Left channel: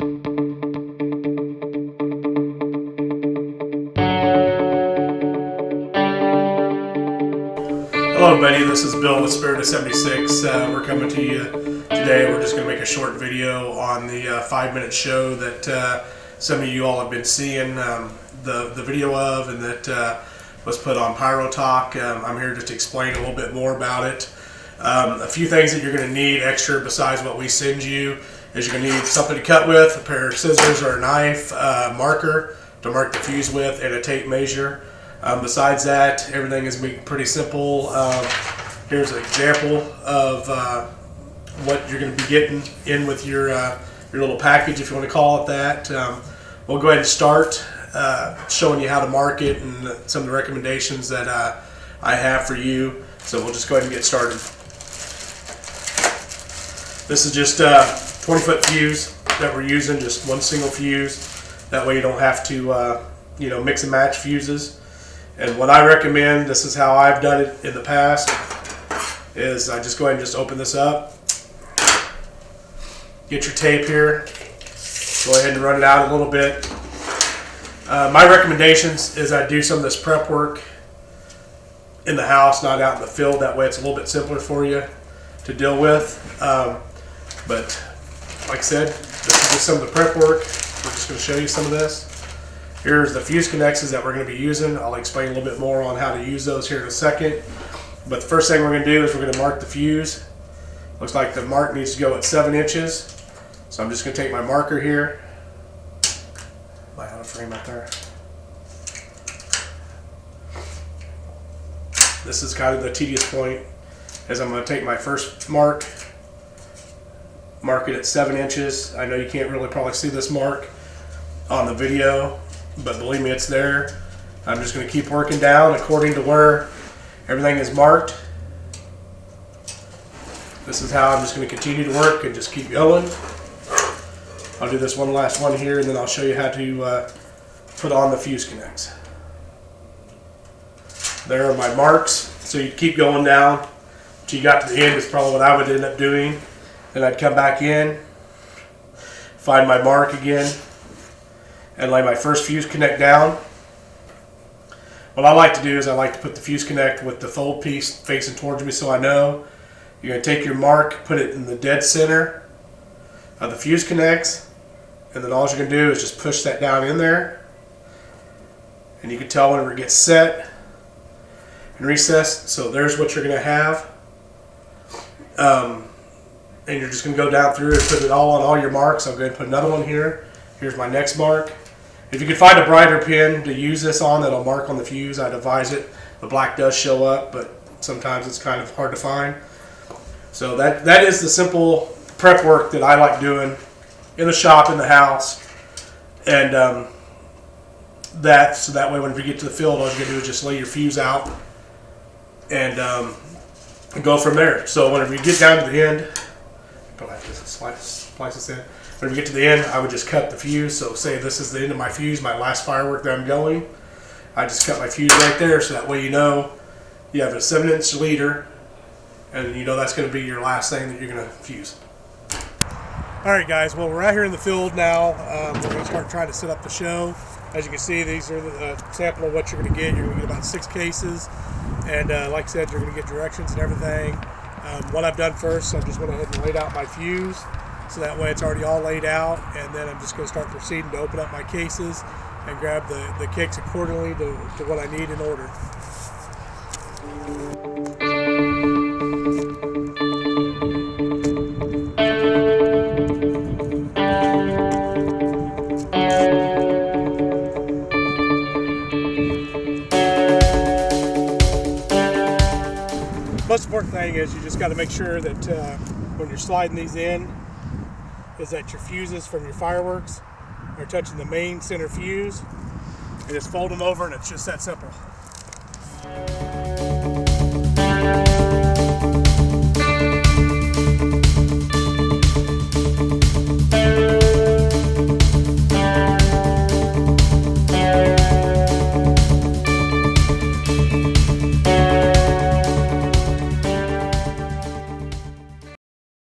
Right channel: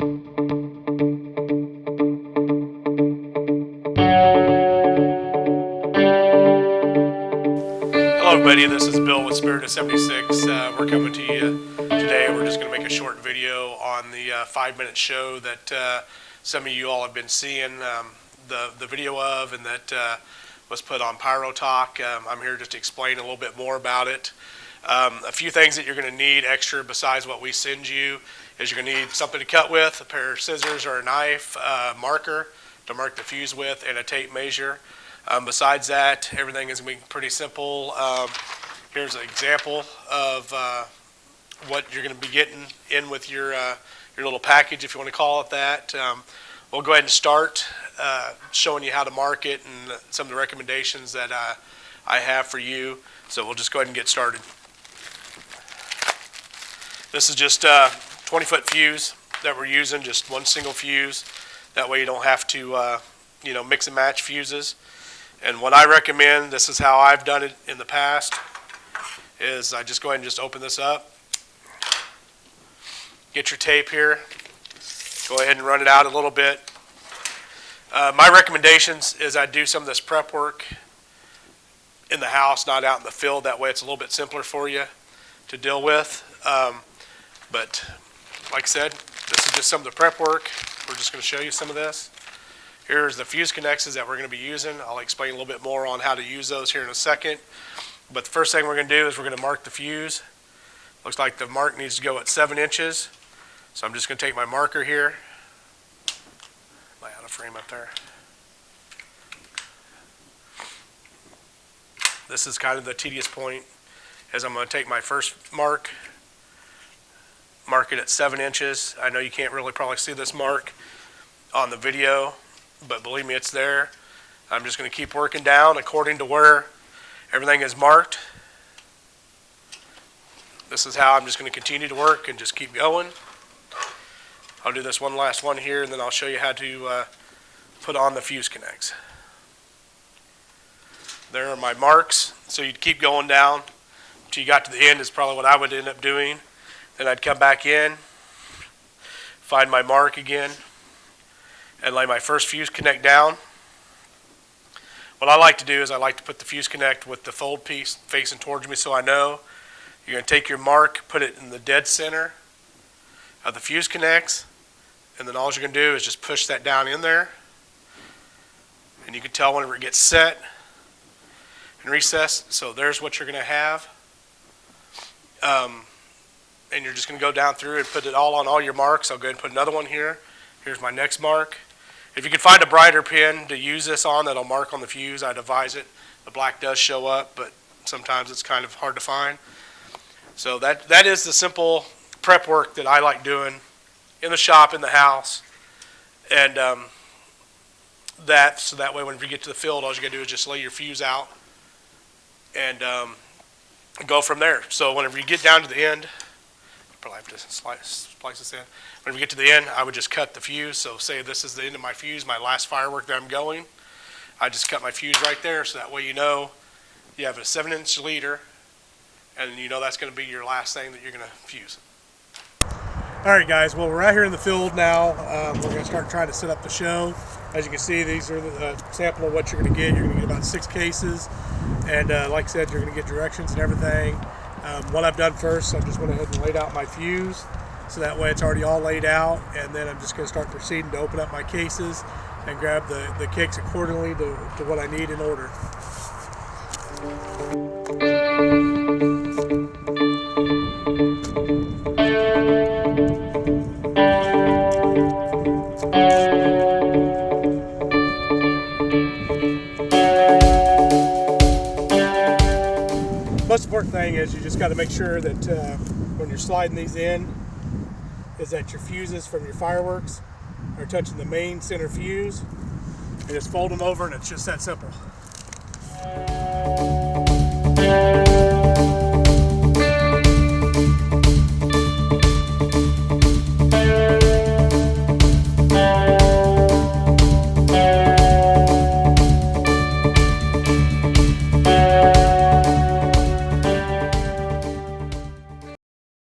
Hello everybody, this is Bill with Spirit of 76. We're coming to you today. We're just going to make a short video on the 5-minute show that some of you all have been seeing the video of, and that was put on Pyro Talk. I'm here just to explain a little bit more about it. A few things that you're going to need extra besides what we send you is you're going to need something to cut with, a pair of scissors or a knife, marker to mark the fuse with, and a tape measure. Besides that, everything is going to be pretty simple. Here's an example of what you're going to be getting in with your little package, if you want to call it that. We'll go ahead and start showing you how to mark it and some of the recommendations that I have for you. So we'll just go ahead and get started. This is just a 20-foot fuse that we're using, just one single fuse. That way you don't have to mix and match fuses. And what I recommend, this is how I've done it in the past, is I just go ahead and just open this up. Get your tape here. Go ahead and run it out a little bit. My recommendations is I do some of this prep work in the house, not out in the field. That way it's a little bit simpler for you to deal with. But like I said, this is just some of the prep work. We're just going to show you some of this. Here's the fuse connections that we're going to be using. I'll explain a little bit more on how to use those here in a second. But the first thing we're going to do is we're going to mark the fuse. Looks like the mark needs to go at 7 inches. So I'm just going to take my marker here. I have a frame up there. This is kind of the tedious point, is I'm going to take my first mark it at 7 inches. I know you can't really probably see this mark on the video, but believe me, it's there. I'm just going to keep working down according to where everything is marked. This is how I'm just going to continue to work and just keep going. I'll do this one last one here, and then I'll show you how to put on the fuse connects. There are my marks. So you keep going down until you got to the end. It's probably what I would end up doing. Then I'd come back in, find my mark again, and lay my first fuse connect down. What I like to do is I like to put the fuse connect with the fold piece facing towards me, so I know you're going to take your mark, put it in the dead center of the fuse connects, and then all you're going to do is just push that down in there. And you can tell whenever it gets set and recessed. So there's what you're going to have. And you're just going to go down through and put it all on all your marks. I'll go ahead and put another one here. Here's my next mark. If you can find a brighter pin to use this on that'll mark on the fuse, I'd advise it. The black does show up, but sometimes it's kind of hard to find. So that is the simple prep work that I like doing in the shop, in the house. And so that way when you get to the field, all you're going to do is just lay your fuse out and go from there. So whenever you get down to the end, don't have to splice this in. When you get to the end, I would just cut the fuse. So say this is the end of my fuse, my last firework that I'm going. I just cut my fuse right there, so that way you know you have a 7-inch leader, and you know that's going to be your last thing that you're going to fuse. All right, guys. Well, we're out here in the field now. We're going to start trying to set up the show. As you can see, these are the sample of what you're going to get. You're going to get about 6 cases, and like I said, you're going to get directions and everything. What I've done first, I just went ahead and laid out my fuse. So that way it's already all laid out, and then I'm just going to start proceeding to open up my cases and grab the kicks accordingly to what I need in order. Most important thing is you just got to make sure that when you're sliding these in, is that your fuses from your fireworks are touching the main center fuse, and just fold them over, and it's just that simple.